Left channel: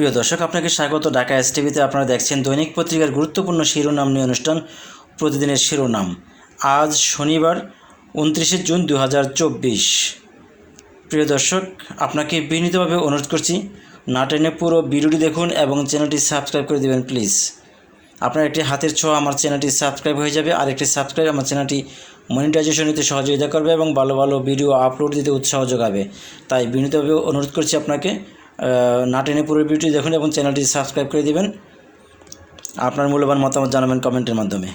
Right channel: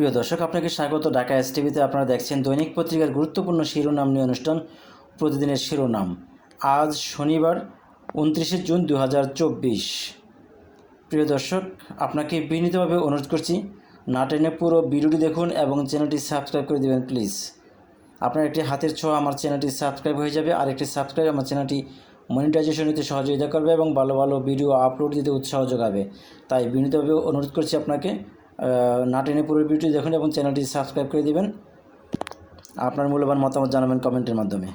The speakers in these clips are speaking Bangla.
প্রিয় দর্শক, আপনাকে স্বাগত। ঢাকা এস টিভিতে আপনারা দেখছেন দৈনিক পত্রিকার গুরুত্বপূর্ণ শিরোনাম নিয়ে অনুষ্ঠান, প্রতিদিনের শিরোনাম। আজ শনিবার, উনত্রিশে জুন দু হাজার চব্বিশ। প্রিয় দর্শক, আপনাকে বিনীতভাবে অনুরোধ করছি, না টেনে পুরো ভিডিওটি দেখুন এবং চ্যানেলটি সাবস্ক্রাইব করে দেবেন, প্লিজ। আপনার একটি হাতের ছোঁয়া আমার চ্যানেলটি সাবস্ক্রাইব হয়ে যাবে, আর একটি সাবস্ক্রাইব আমার চ্যানেলটি মনিটাইজেশন নিতে সহযোগিতা করবে এবং ভালো ভালো ভিডিও আপলোড দিতে উৎসাহ যোগাবে। তাই বিনীতভাবে অনুরোধ করছি আপনাকে না টেনে পুরো ভিডিওটি দেখুন এবং চ্যানেলটি সাবস্ক্রাইব করে দিবেন। আপনার মূল্যবান মতামত জানাবেন কমেন্টের মাধ্যমে।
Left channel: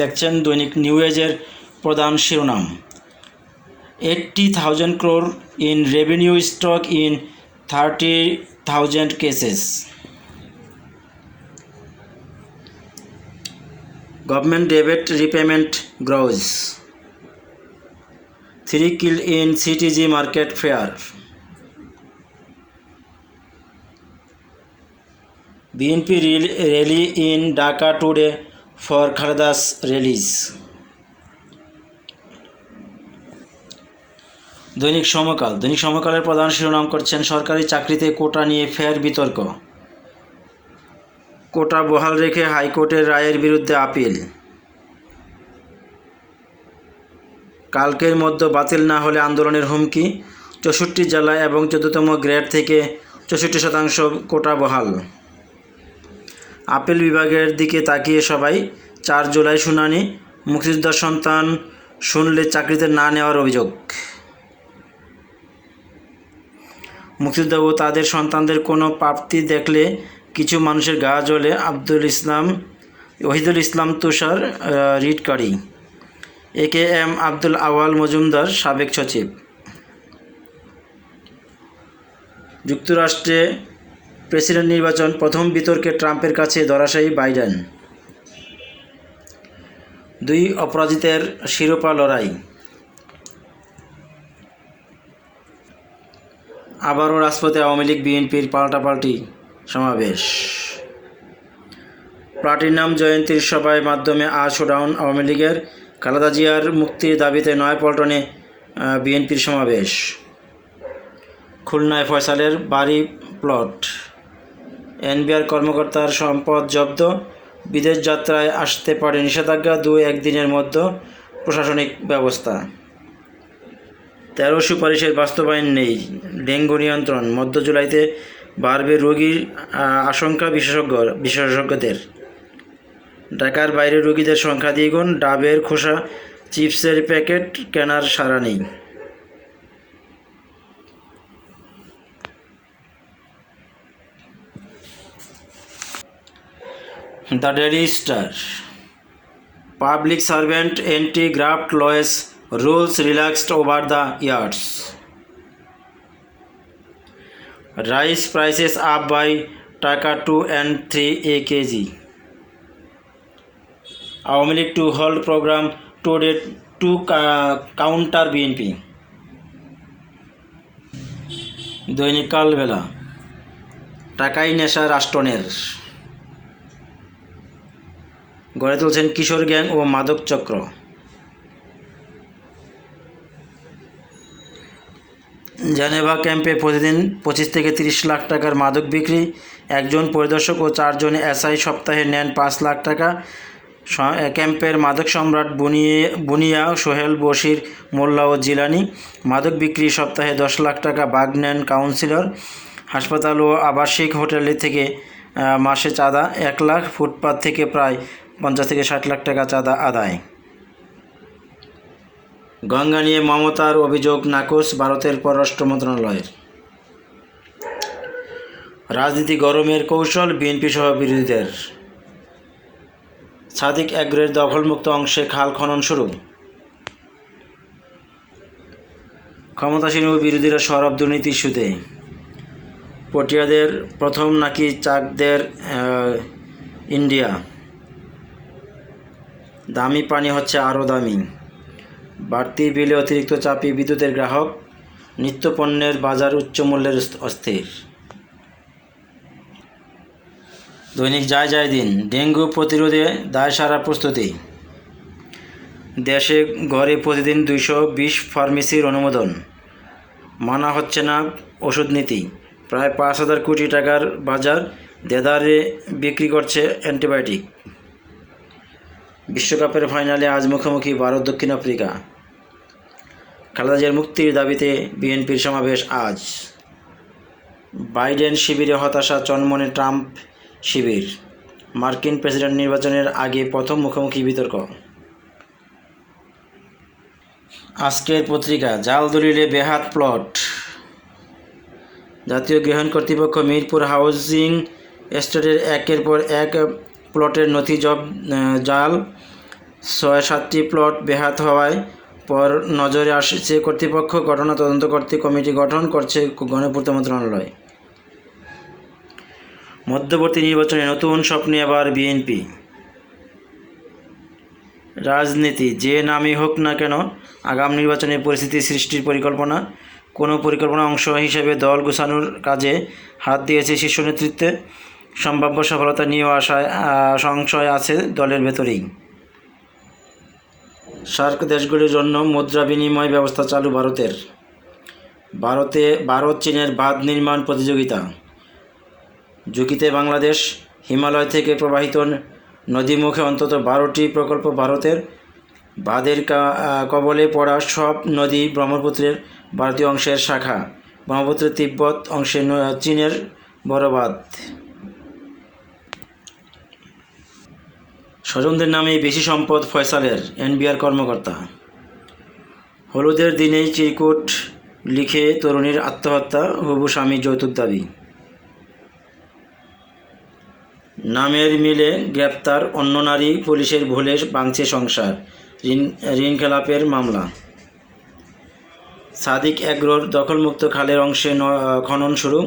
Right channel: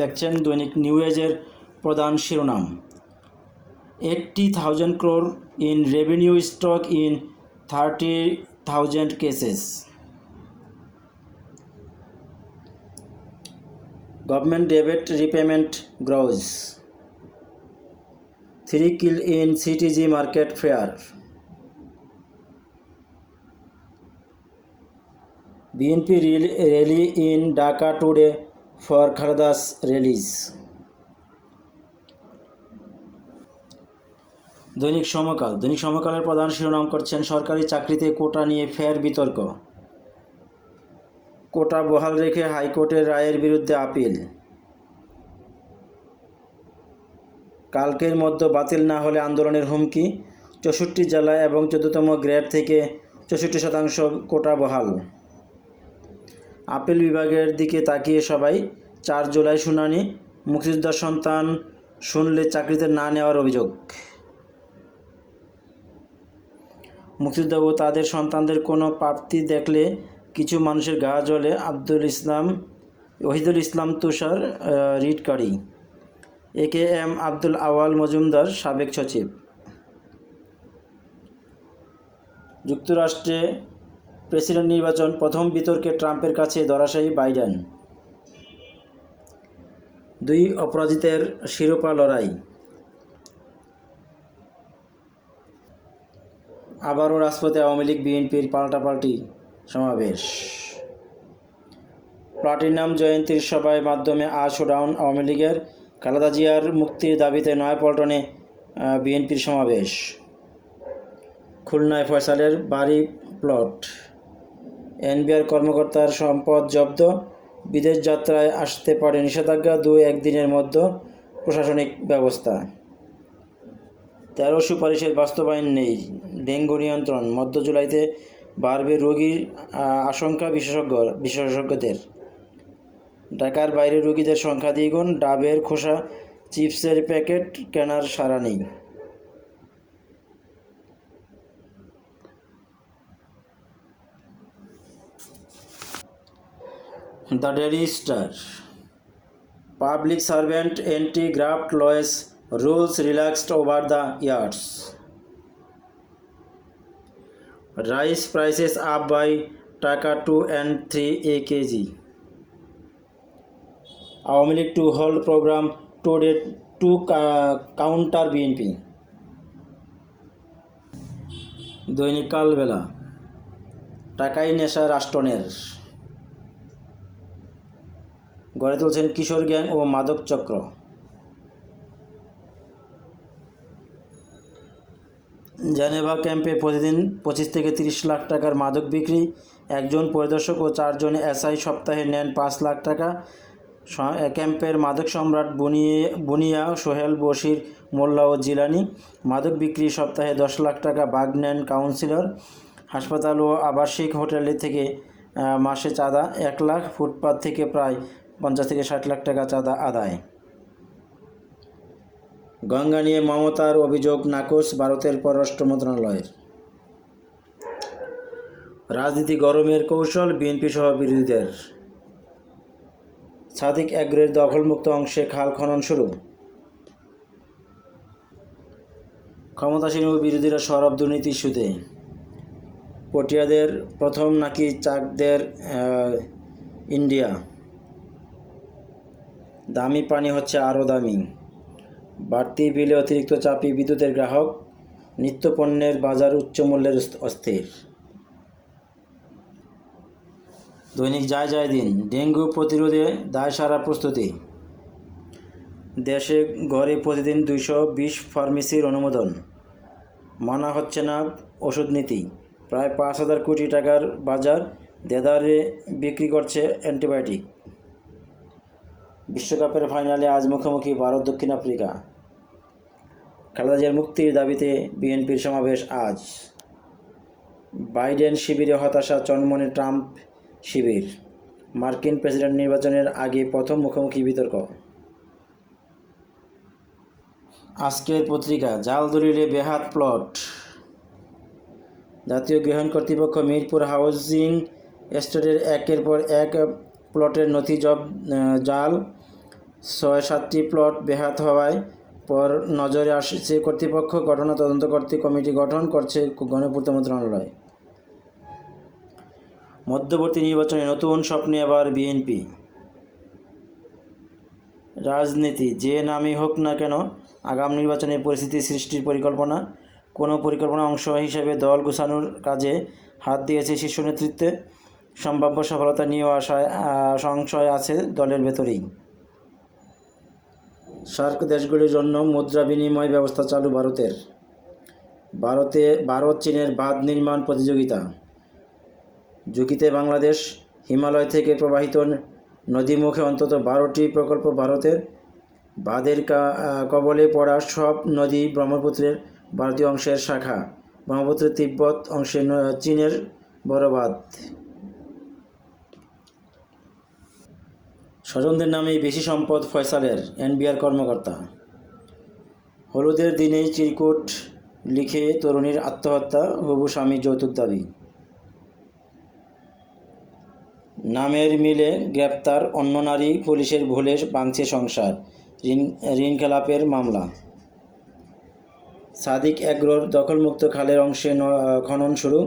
দেখছেন দৈনিক নিউ এজের প্রধান শিরোনাম। Eighty thousand crore in revenue stock in thirty thousand cases government debit repayment grows three kill in CTG market fire BNP rally in Dhaka today for Khaleda's release দৈনিক সমকাল, দৈনিক সমকালের প্রধান শিরোনাম করছেন সরকারি চাকরিতে কোটা নিয়ে ফের বিতর্ক। কোটা বহাল রেখে হাইকোর্টের রায়ের বিরুদ্ধে আপিল। কালকের মধ্যে বাতিল না হলে আন্দোলনের হুমকি, চৌষট্টি জেলা এবং চোদ্দতম গ্রেড থেকে চৌষট্টি শতাংশ কোটা বহাল। আপিল বিভাগের দিকে তাকিয়ে সবাই চার জুলাই শুনানি মুক্তিযোদ্ধার সন্তান শুনলে চাকরিতে না নেওয়ার অভিযোগ। মুক্তিযোদ্ধা ও তাদের সন্তানদের কোনো প্রাপ্তি দেখলে কিছু মানুষের গা জ্বলে আব্দুল ইসলাম, ওহিদুল ইসলাম তুষার রিটকারী। এ কে এম আব্দুল আওয়াল মজুমদার, সাবেক সচিব। যুক্তরাষ্ট্রে প্রেসিডেন্ট নির্বাচন প্রথম বিতর্কে ট্রাম্পের কাছে ধরাশায়ী বাইডেন। দুই অপরাজিতের শিরোপা লড়াই। আবারও রাজপথে আওয়ামী লীগ, বিএনপির পাল্টাপাল্টি সমাবেশ। প্লাটিনাম জয়ন্তীর সভায় মাধ্যমে আজ শোডাউন আওয়ামী লীগের খালেদা জিয়ার মুক্তির দাবিতে নয়াপল্টনে বিএনপির সমাবেশ। খুলনায় ফয়সালের বাড়ি প্লট। এনবিআর কর্মকর্তার সম্পদ জব্দ, বিদেশ যাত্রায় আসতে পারে নিষেধাজ্ঞা দু একদিনের মধ্যে, প্রশাসনিক ব্যবস্থা। তেরো সুপারিশের বাস্তবায়ন নেই, ডেঙ্গু নিয়ন্ত্রণ, মধ্য জুলাইতে বাড়বে রোগীর আশঙ্কা বিশেষজ্ঞ, বিশেষজ্ঞদের। ঢাকার বাইরে রোগীদের সংখ্যা দ্বিগুণ, ডাবের খোসা, চিপসের প্যাকেট, কেনার সারা নেই। The daily public servant anti graft laws rules relaxed over the years rice prices up by taka two and three a kg Awami League to hold program today to counter BNP দৈনিক কালবেলা। টাকাই নেশা রাষ্ট্রনের। গড়ে তুলছেন কিশোর গ্যাং ও মাদক চক্র। জেনেভা ক্যাম্পে প্রতিদিন পঁচিশ থেকে তিরিশ লাখ টাকার মাদক বিক্রি, একজন পরিদর্শক ও চারজন এসআই সপ্তাহে নেন পাঁচ লাখ টাকা। ক্যাম্পের মাদক সম্রাট বুনিয়ে বুনিয়া সোহেল বশির, মোল্লা ও জিলানি মাদক বিক্রি সপ্তাহে দশ লাখ টাকা বাগ নেন কাউন্সিলর, হাসপাতাল ও আবাসিক হোটেলে থেকে মাসে চাঁদা এক লাখ, ফুটপাত থেকে প্রায় পঞ্চাশ থেকে ষাট লাখ টাকা চাঁদা আদায়। গঙ্গা নিয়ে মমতার অভিযোগ নাকচ ভারতের পররাষ্ট্র মন্ত্রণালয়ের। রাজনীতি গরমের কৌশল, বিএনপি সহ বিরোধীদের। সাদিক অ্যাগ্রের দখলমুক্ত অংশে খাল খনন শুরু। ক্ষমতাসীন ও বিরোধীরা সরব দুর্নীতি ইস্যুতে পটিয়াদের প্রথম নাকি চাকদের ইন্ডিয়া। দামি পানি হচ্ছে আরও দামি। বাড়তি বিলে অতিরিক্ত চাপে বিদ্যুতের গ্রাহক নিত্যপণ্যের বাজার উচ্চ মূল্যের অস্থির। দৈনিক যায় যায় দিন, ডেঙ্গু প্রতিরোধে দায় সারা প্রস্তুতি। দেশে ঘরে প্রতিদিন দুইশো বিশ ফার্মেসির অনুমোদন। মানা হচ্ছে না ওষুধ নীতি। প্রায় পাঁচ হাজার কোটি টাকার বাজার দেদারে বিক্রি করছে অ্যান্টিবায়োটিক। বিশ্বকাপের ফাইনালে আজ মুখোমুখি ভারত দক্ষিণ আফ্রিকা। খালেদা জিয়ার মুক্তির দাবিতে বিএনপির সমাবেশ আজ। বাইডেন শিবিরে হতাশা চনমনে ট্রাম্প শিবির। মার্কিন প্রেসিডেন্ট নির্বাচনের আগে প্রথম মুখোমুখি বিতর্ক। আজকের পত্রিকা জাল দলিলে বেহাত প্লট। জাতীয় গৃহায়ণ কর্তৃপক্ষ মিরপুর হাউজিং এস্টেটের একের পর এক প্লটের নথি জব জাল ছয় সাতটি প্লট বেহাত হওয়ায় পর নজরে আসছে কর্তৃপক্ষ, ঘটনা তদন্ত করতে কমিটি গঠন করছে গণপূর্ত মন্ত্রণালয়। মধ্যবর্তী নির্বাচনে নতুন স্বপ্নে আবার বিএনপি। রাজনীতি যে নামই হোক না কেন, আগাম নির্বাচনে পরিস্থিতি সৃষ্টির পরিকল্পনা। কোনো পরিকল্পনা অংশ হিসেবে দল গোছানোর কাজে হাত দিয়েছে শীর্ষ নেতৃত্বে। সম্ভাব্য সফলতা নিয়েও আহ, সংশয় আছে দলের ভেতরেই। সার্ক দেশগুলির জন্য মুদ্রা বিনিময় ব্যবস্থা চালু ভারতের। ভারতে ভারত চীনের বাঁধ নির্মাণ প্রতিযোগিতা। ঝুঁকিতে বাংলাদেশ হিমালয় থেকে প্রবাহিত নদীমুখে অন্তত বারোটি প্রকল্প ভারতের। বাঁধের কবলে পড়া সব নদী ব্রহ্মপুত্রের ভারতীয় অংশের শাখা ব্রহ্মপুত্রের তিব্বত অংশে চীনের বড় বাঁধ। স্বজনদের নামে বেশি সম্পদ ফয়সালের, এনবিআর কর্মকর্তা। হলুদের দিনে চিরকুট লিখে তরুণীর আত্মহত্যা, হবু স্বামী যৌতুক দাবি। নামের মিলে গ্রেপ্তার অন্য নারী পুলিশের ভুলে ভাঙছে সংসার, ঋণ ঋণ খেলাপের মামলা। সাদিক এগ্রোর দখলমুক্ত খালের অংশে খনন শুরু।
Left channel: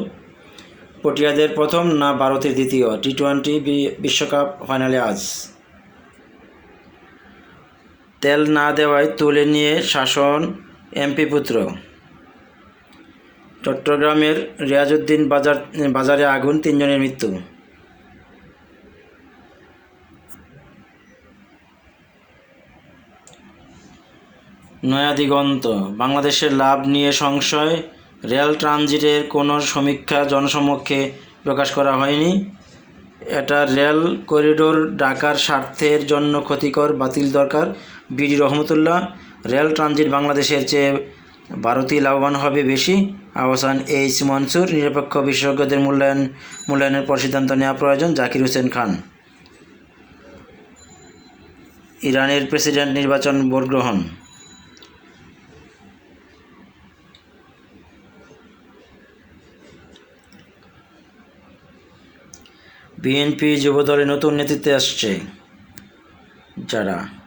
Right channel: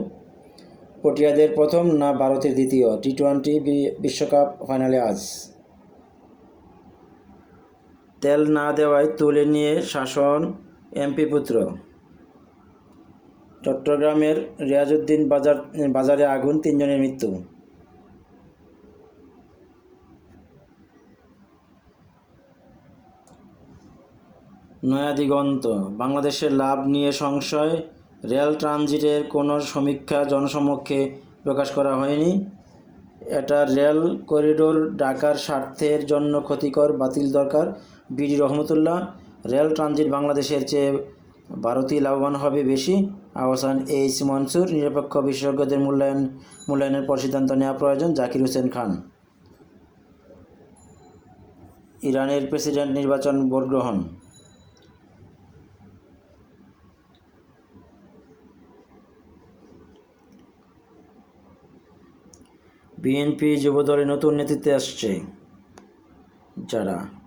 পটিয়াদের প্রথম না ভারতের দ্বিতীয় টি টোয়েন্টি বিশ্বকাপ ফাইনালে আজ। তেল না দেওয়ায় তুলে নিয়ে শাসন এমপি পুত্র। চট্টগ্রামের রিয়াজউদ্দিন বাজার, বাজারে আগুন, তিনজনের মৃত্যু। নয়া দিগন্ত বাংলাদেশের লাভ নিয়ে সংশয়, রেল ট্রানজিটের কোনো সমীক্ষা জনসমক্ষে প্রকাশ করা হয়নি। এটা রেল করিডোর ডাকার স্বার্থের জন্য ক্ষতিকর, বাতিল দরকার। বিডি রহমতুল্লাহ, রেল ট্রানজিট বাংলাদেশের চেয়ে ভারতই লাভবান হবে বেশি। আহসান এইচ মনসুর, নিরপেক্ষ বিশেষজ্ঞদের মূল্যায়ন, মূল্যায়নের পর সিদ্ধান্ত নেওয়া প্রয়োজন, জাকির হোসেন খান। ইরানের প্রেসিডেন্ট নির্বাচন ভোট গ্রহণ। বিএনপি যুবদলে নতুন নেতৃত্বে আসছে যারা?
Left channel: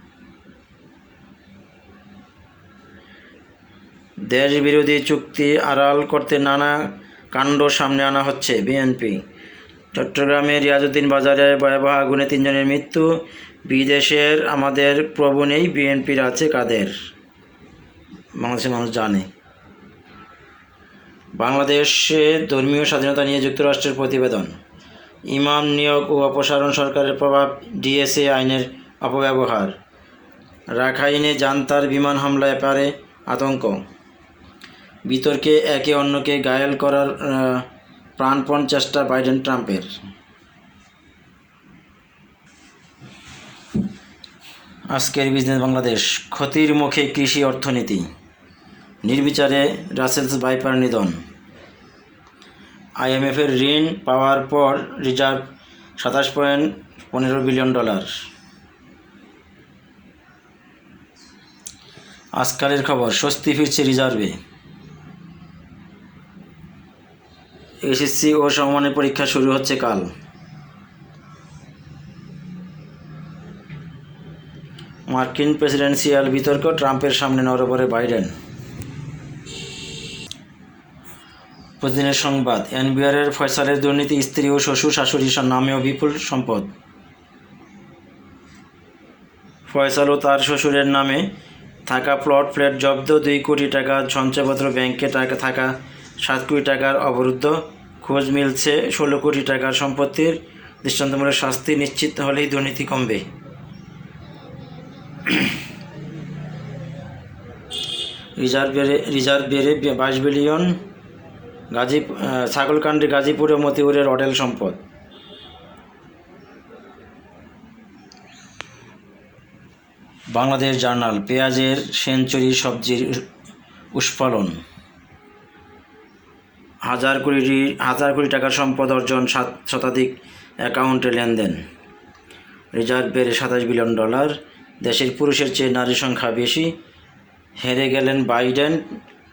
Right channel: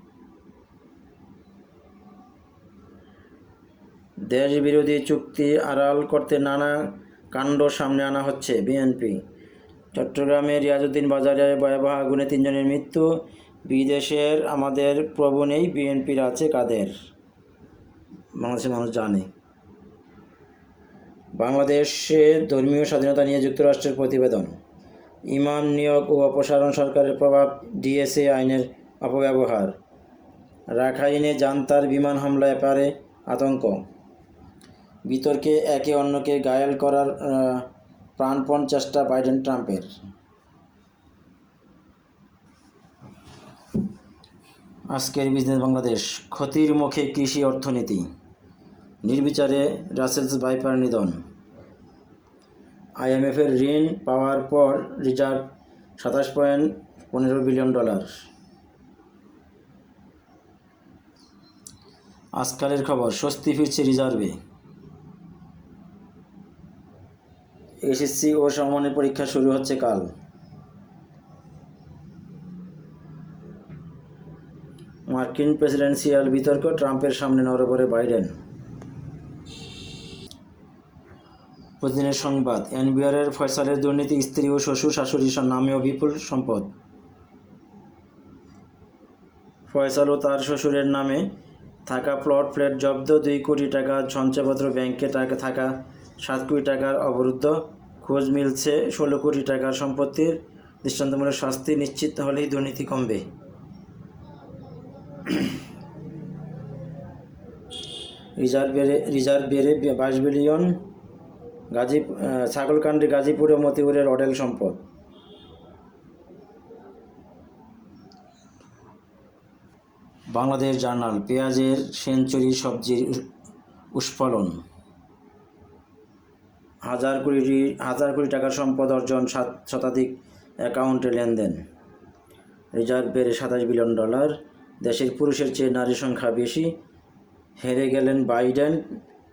দেশ বিরোধী চুক্তি আড়াল করতে নানা কাণ্ড সামনে আনা হচ্ছে বিএনপি। চট্টগ্রামের রিয়াজউদ্দিন বাজারে ভয়াবহ আগুনে তিনজনের মৃত্যু। বিদেশের আমাদের প্রভু নেই, বিএনপির আছে কাদের? বাংলাদেশের মানুষ জানে। বাংলাদেশে ধর্মীয় স্বাধীনতা নিয়ে যুক্তরাষ্ট্রের প্রতিবেদন। ইমাম নিয়োগ ও অপসারণ সরকারের প্রভাব ডিএসএ আইনের অপব্যবহার। রাখাইনে জান্তার বিমান হামলায় পারে আতঙ্ক। বিতর্কে একে অন্যকে ঘায়েল করার প্রাণপণ চেষ্টা বাইডেন ট্রাম্পের আজকের বিজনেস বাংলাদেশ, ক্ষতির মুখে কৃষি অর্থনীতি, নির্বিচারে রাসেলস বাইপার নিধন। আইএমএফের ঋণ পাওয়ার পর রিজার্ভ সাতাশ পয়েন্ট পনেরো বিলিয়ন ডলার। আজকালের খবর, স্বস্তি ফিরছে রিজার্ভে। এসএসসি ও সমমানের পরীক্ষা শুরু হচ্ছে কাল। মার্কিন প্রেসিডেন্সিয়াল বিতর্ক ট্রাম্পের সামনে নরবরে বাইডেন। প্রতিদিনের সংবাদ, এনবিআরের ফয়সালের দুর্নীতি, স্ত্রী ও শ্বশুর শাশুড়ির নামেও বিপুল সম্পদ। ফয়সাল ও তার শ্বশুরের নামে থাকা প্লট ফ্ল্যাট জব্দ, দুই কোটি টাকা সঞ্চয়পত্র ব্যাংকে টাকা থাকা সাত কোটি টাকার অবরুদ্ধ। খোঁজ মিলছে ষোলো কোটি টাকার সম্পত্তির। দৃষ্টান্তমূলক শাস্তি নিশ্চিত হলেই দুর্নীতি কমবে। রিজার্ভ বেড়ে বাইশ বিলিয়ন গাজী ছাগলকান্ডি, গাজীপুর ও মতিউরের অডেল সম্পদ। বাংলাদেশ জার্নাল, পেঁয়াজের সেঞ্চুরি সবজির উৎফলন হাজার কোটি হাজার কোটি টাকার সম্পদ অর্জন সাত শতাধিক অ্যাকাউন্টে লেনদেন। রিজার্ভ বেড়ে সাতাশ বিলিয়ন ডলার। দেশের পুরুষের চেয়ে নারী সংখ্যা বেশি। হেরে গেলেন বাইডেন,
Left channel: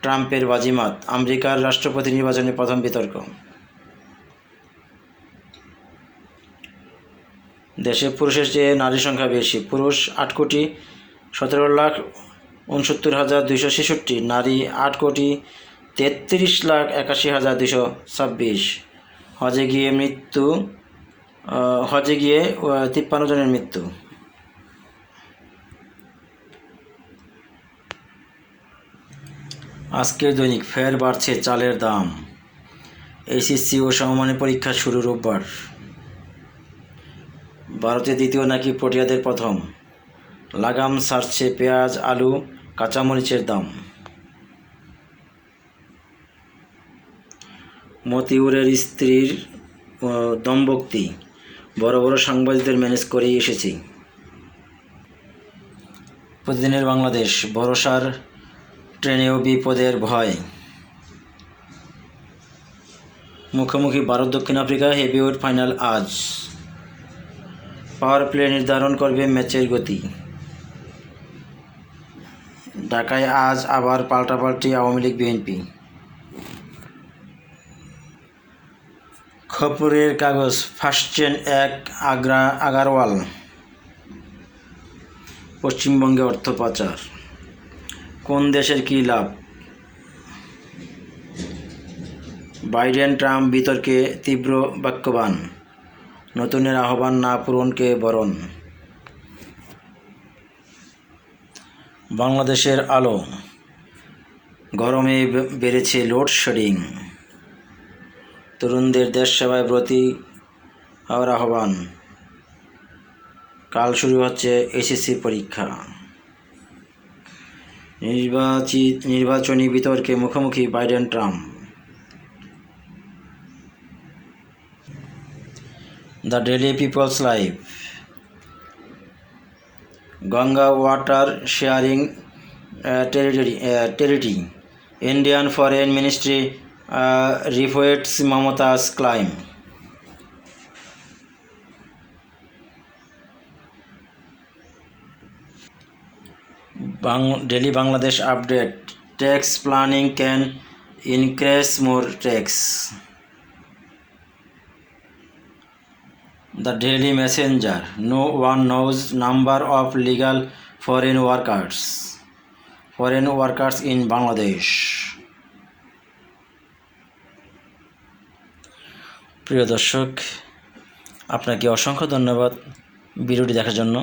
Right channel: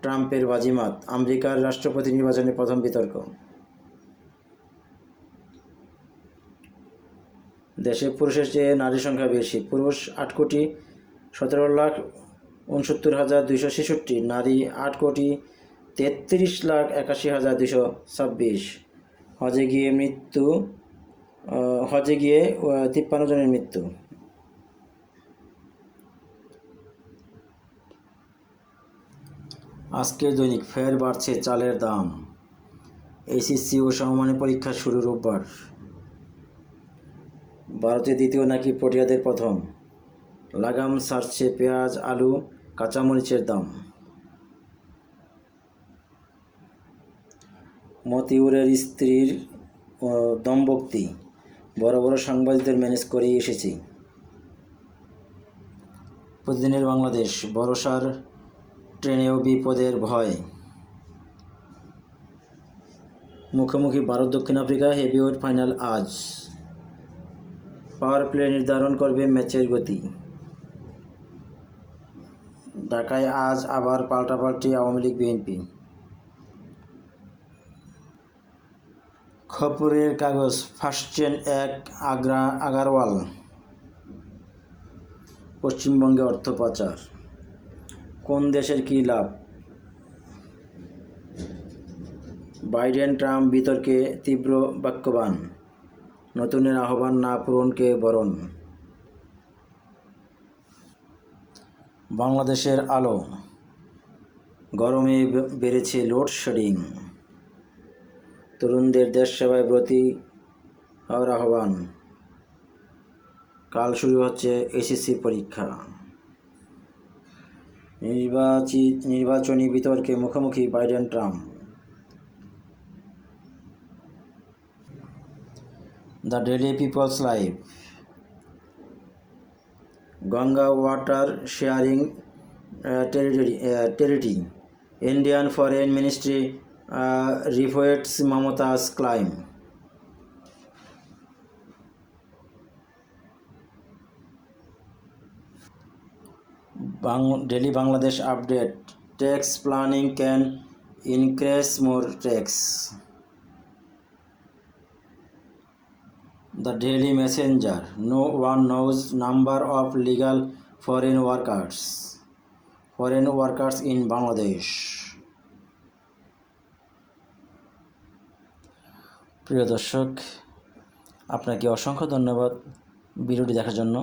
ট্রাম্পের বাজিমাত, আমেরিকার রাষ্ট্রপতি নির্বাচনে প্রথম বিতর্ক। দেশে পুরুষের চেয়ে নারী সংখ্যা বেশি। পুরুষ আট কোটি, সতেরো লাখ উনসত্তর হাজার দুইশো ছেষট্টি, নারী আট কোটি তেত্রিশ লাখ একাশি হাজার দুশো ছাব্বিশ। হজে গিয়ে মৃত্যু হজে গিয়ে তিপ্পান্ন জনের মৃত্যু। আজকের দৈনিক ফের বাড়ছে চালের দাম। এসএসসি ও সমমানের পরীক্ষা শুরু রোববার। ভারতে দ্বিতীয় নাকি প্রোটিয়াদের প্রথম। লাগাম সারছে পেঁয়াজ, আলু, কাঁচামরিচের দাম। মতিউরের স্ত্রীর দম্ভক্তি। বড় বড় সাংবাদিকদের ম্যানেজ করেই এসেছি। প্রতিদিনের বাংলাদেশ, ভরসার ট্রেনেও বিপদের ভয়। মুখোমুখি ভারত, দক্ষিণ আফ্রিকা হেভিওয়েট ফাইনাল আজ। পাওয়ার প্লে নির্ধারণ করবে ম্যাচের গতি। ঢাকায় আজ আবার পাল্টাপাল্টি আওয়ামী লীগ বিএনপি। খবরের কাগজ ফার্স্টেন এক, আগ্রা, আগারওয়াল। পশ্চিমবঙ্গে অর্থ পাচার। কোন দেশের কী লাভ? বাইডেন, ট্রাম্প বিতর্কে তীব্র বাক্যবান। নতুনের আহ্বান না পূরণকে বরণ। বাংলাদেশের আলো। গরমে বেড়েছে লোডশেডিং তরুণদের দেশ সেবায় ব্রতী হওয়ার আহ্বান। কাল শুরু হচ্ছে এসএসসি পরীক্ষা। নির্বাচিত, নির্বাচনী বিতর্কে মুখোমুখি Biden Trump. The daily people's life. Ganga water sharing territory treaty Indian foreign ministry refutes Mamata's claim daily Bangladesh update tax planning can increase more tax The Daily Messenger No one knows number of legal foreign workers foreign workers in Bangladesh প্রিয় দর্শক, আপনাকে অসংখ্য ধন্যবাদ ভিডিওটি দেখার জন্য।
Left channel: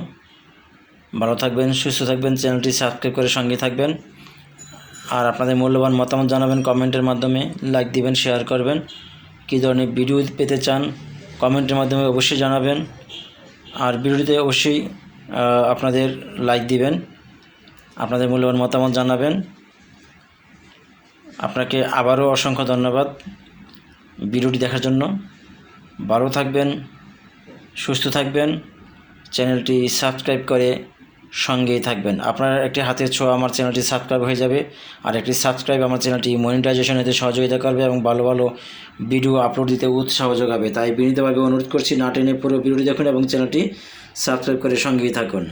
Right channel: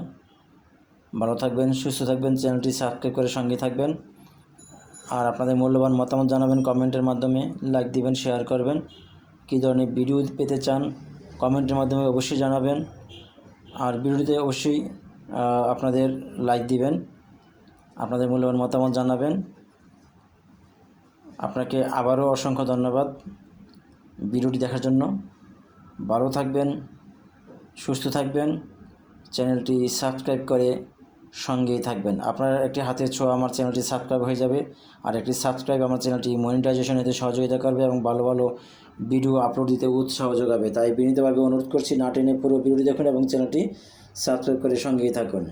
ভালো থাকবেন, সুস্থ থাকবেন, চ্যানেলটি সাবস্ক্রাইব করে সঙ্গে থাকবেন। আর আপনাদের মূল্যবান মতামত জানাবেন কমেন্টের মাধ্যমে, লাইক দিবেন, শেয়ার করবেন। কী ধরনের ভিডিও পেতে চান কমেন্টের মাধ্যমে অবশ্যই জানাবেন। আর ভিডিওটিতে অবশ্যই আপনাদের লাইক দিবেন, আপনাদের মূল্যবান মতামত জানাবেন। আপনাকে আবারও অসংখ্য ধন্যবাদ। ভিডিওটি দেখার জন্য ভালো থাকবেন, সুস্থ থাকবেন, চ্যানেলটি সাবস্ক্রাইব করে সঙ্গেই থাকবেন। আপনার একটি হাতের ছোঁয়া আমার চ্যানেলটি সাবস্ক্রাইব হয়ে যাবে আর একটি সাবস্ক্রাইব আমার চ্যানেলটি মনিটাইজেশন হতে সহযোগিতা করবে এবং ভালো ভালো ভিডিও আপলোড দিতে উৎসাহ যোগাবে। তাই বিনীতভাবে অনুরোধ করছি, না টেনে পুরো ভিডিওটি দেখুন এবং চ্যানেলটি সাবস্ক্রাইব করে সঙ্গেই থাকুন।